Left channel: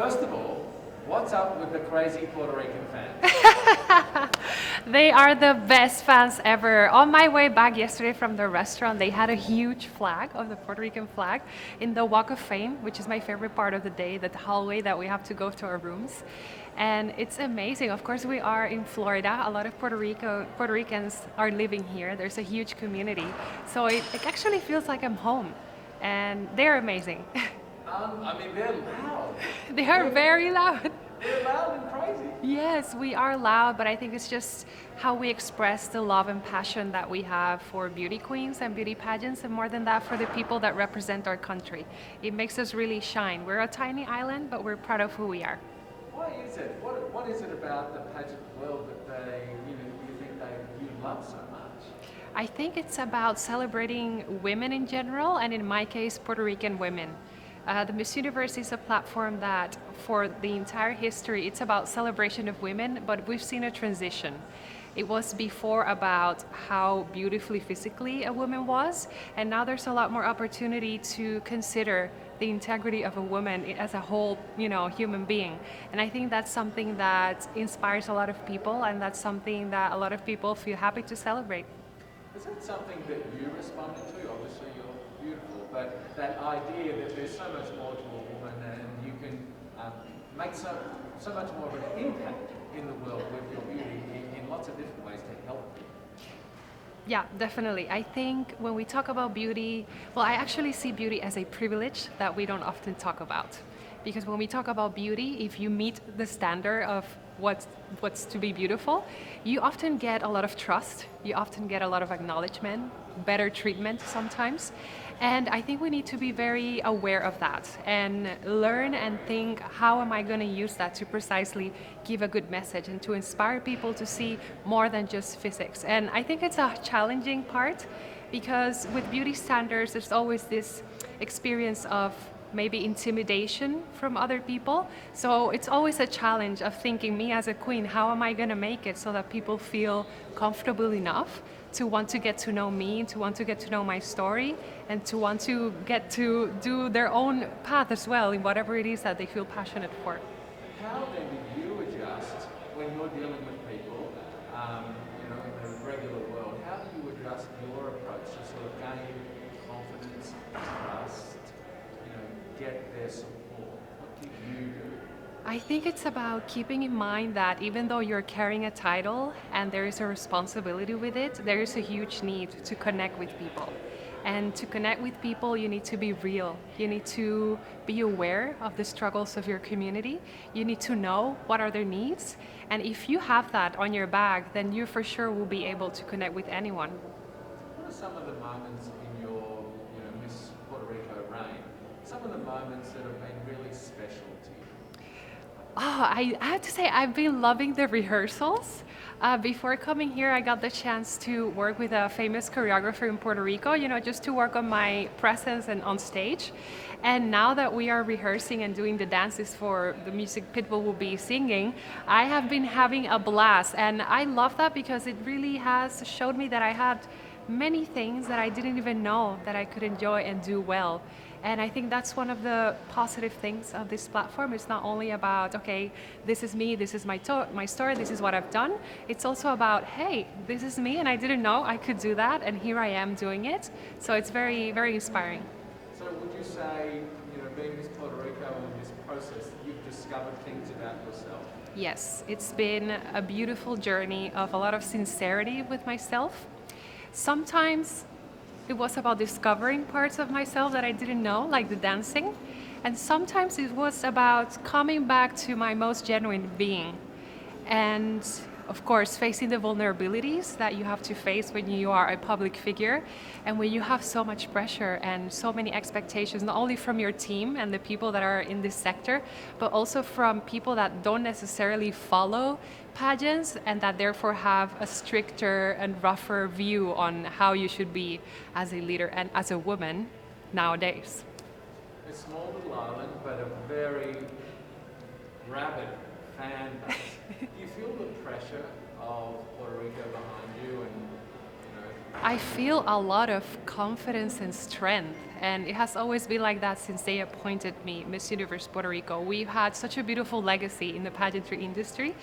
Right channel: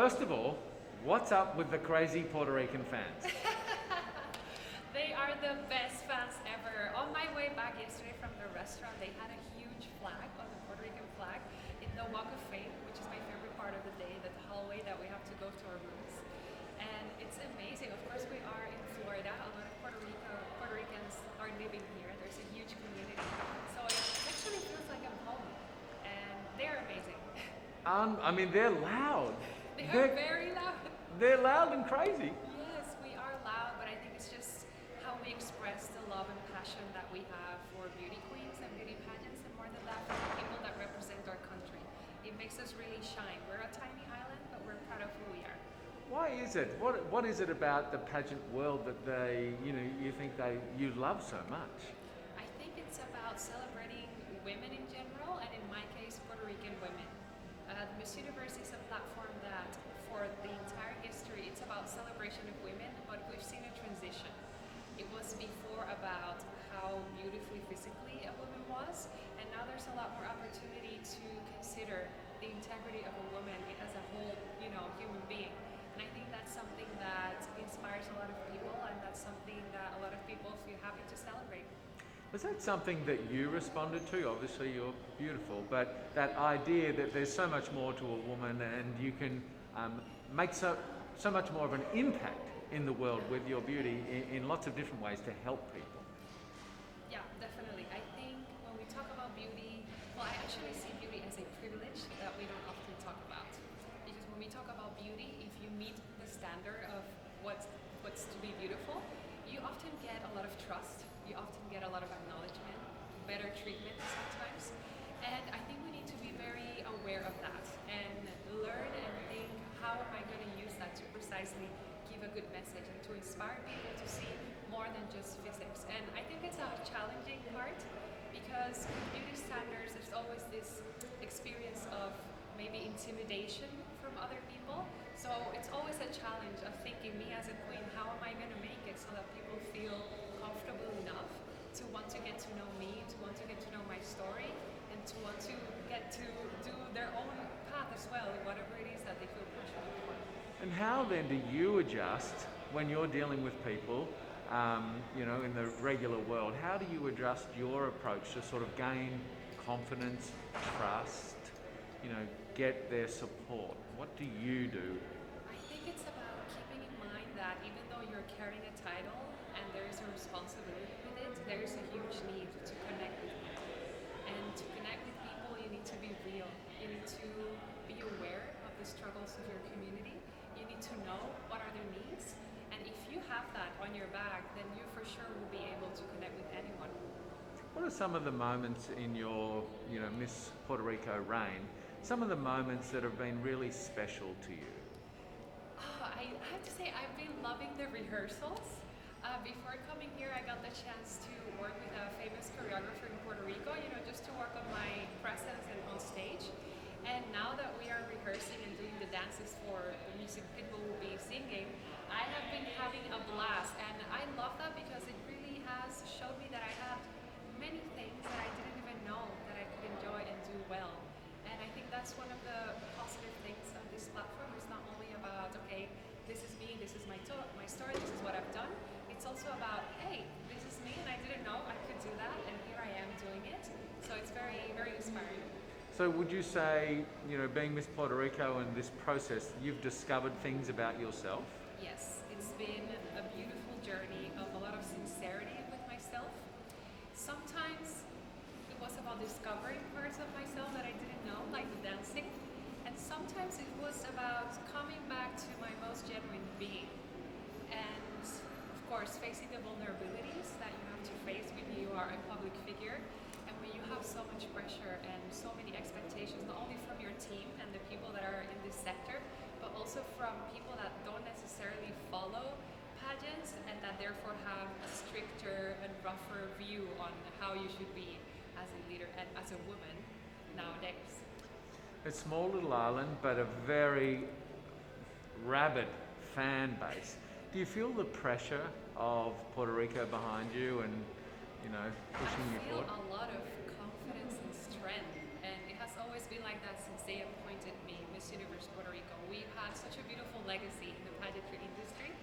First of all, what's up with the crazy Puerto Rican fans? They are the best fans ever. On my way back yesterday from the restaurant, they had a huge flag of the Puerto Rican flag in the Walk of Fame, which is my favorite part of the day, the hallway that we have to go to our rooms. And it's amazing. Of course, we are in Florida. A lot of Puerto Ricans are living here. There's a huge community. So it actually feels like I'm home. And they're amazing. I mean, they're loud. They are very loud. They're loud and crazy. Yes, we are loud, but I think it's just how we express the love and passion that we have for beauty queens and beauty pageants, and more than that, for the people that represent our country. It makes us really shine. We're a tiny island, but we're proud of who we are. Why is it? What is it about the pageant world that you think you love so much? I think it's about celebrating women in general, and in my case, Puerto Rican women. The Miss Universe is a platform that, for the entire history, it's about celebration of women, but we've seen a transition. It was before about how beautifully physically a woman was, and now there's a lot more opportunity to consider the integrity of a woman as a whole, human being. And I think that's something that inspires a lot of people, and that's something that a lot of people feel happy to celebrate. Was that something that you responded to? Obviously, you're beautiful, but that idea that there's so much more to a woman and you can make so much more of an impact in the world with your beauty in lots of different ways to help people. Yeah, definitely. I think when we talk about beauty, well, I actually see beauty as a privilege that we don't often talk about. Because when we talk about beauty, if you meet the standard of what's to be beautiful, you often get a lot of trust, you often get a lot of acknowledgement, better treatment sometimes. And I think we need to be very aware of that and learn and think, how am I going to use that to precisely give a good message and to inspire people to see more than just physics. And I think it's a challenging part, because with beauty standards, there's always this experience of maybe intimidation from other people. So it's always a challenge of thinking, me as a queen, how am I going to make it so that people feel comfortable enough to want to get to know me, to want to get to know my story, and to want to get to do their own path as well in whatever it is that they feel passionate for. And how then do you adjust when you're dealing with people, in the regular world? How do you adjust your approach to sort of gain confidence, trust, get their support? What do you do? I think it's about keeping in mind that even though you're carrying a title and there is a responsibility with it, there is a huge need to connect with people. And to connect with people, you need to be real. You need to be aware of the struggles of your community. You need to know what are their needs. And if you have that on your bag, then you for sure will be able to connect with anyone. What are some of the moments in your, Miss Puerto Rico reign? Some of the moments that have been really special to you? Oh, I have to say, I've been loving the rehearsals. Before coming here, I got the chance to work with a famous choreographer in Puerto Rico, just to work on my presence and on stage. And now that we are rehearsing and doing the dances for the music Pitbull will be singing, I have been having a blast. And I love that because it really has showed me that I had many things that I didn't even know that I could enjoy and do well. And I think that's one of the positive things of this platform. It's not only about, okay, this is me, this is my story, this is what I've done. It's also about, hey, this is me and I didn't know I could do that, and here I am doing it. So it's very, very inspiring. So would you say, being Miss Puerto Rico and this process, you've discovered things about yourself? Yes, it's been a beautiful journey of a lot of sincerity with myself. Sometimes it was about discovering parts of myself that I didn't know, like the dancing. And sometimes it was about coming back to my most genuine being. And of course, facing the vulnerabilities that you have to face when you are a public figure and when you have so much pressure and so many expectations, not only from your team and the people that are in this sector, but also from people that don't necessarily follow pageants and that therefore have a stricter and rougher view on how you should be as a leader and as a woman nowadays. A small little island, but a very rabid fan base. Do you feel the pressure of Puerto Rico behind you and, I feel a lot of confidence and strength, and it has always been like that since they appointed me Miss Universe Puerto Rico. We've had such a beautiful legacy in the pageantry industry,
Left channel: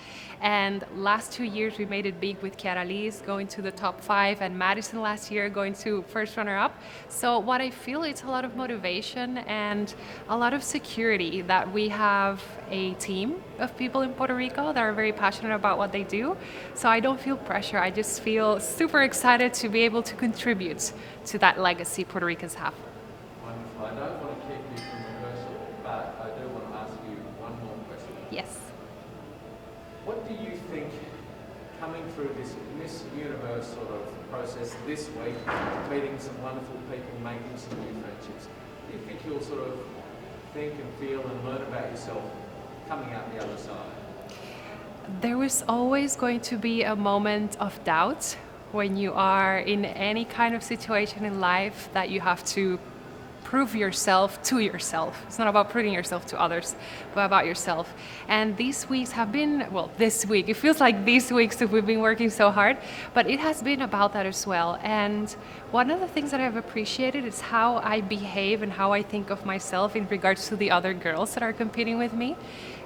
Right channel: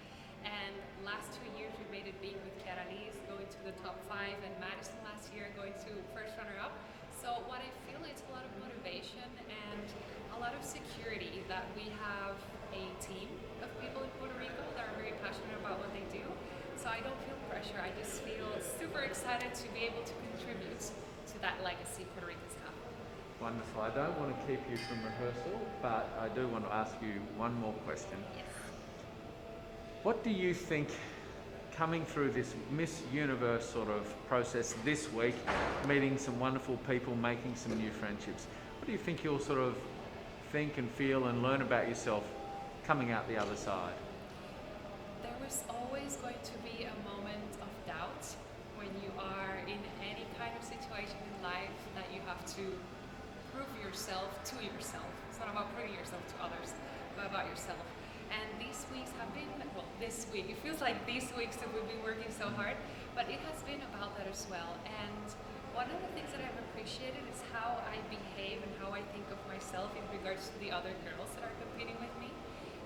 and last 2 years we made it big with Chiara Lee's going to the top 5, and Madison last year going to first runner-up. So what I feel, it's a lot of motivation and a lot of security that we have a team of people in Puerto Rico that are very passionate about what they do. So I don't feel pressure. I just feel super excited to be able to contribute to that legacy Puerto Ricans have. Wonderful. I don't want to keep you from rehearsal, but I do want to ask you one more question. Yes. What do you think, coming through this Miss Universe sort of process this week, meeting some wonderful people, making some new friendships, what do you think you'll sort of think and feel and learn about yourself coming out the other side? There is always going to be a moment of doubt when you are in any kind of situation in life that you have to prove yourself to yourself. It's not about proving yourself to others, but about yourself. And these weeks have been, well, this week, it feels like these weeks that we've been working so hard, but it has been about that as well. And one of the things that I've appreciated is how I behave and how I think of myself in regards to the other girls that are competing with me.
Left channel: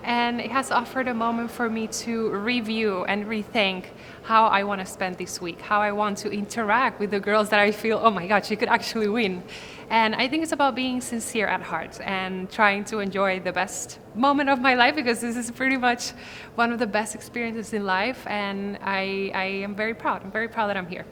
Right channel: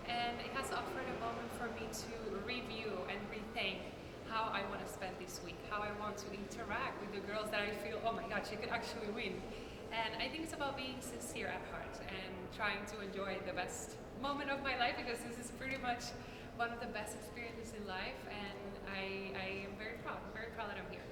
And it has offered a moment for me to review and rethink how I want to spend this week, how I want to interact with the girls that I feel, oh my God, she could actually win. And I think it's about being sincere at heart and trying to enjoy the best moment of my life, because this is pretty much one of the best experiences in life, and I am very proud. I'm very proud that I'm here.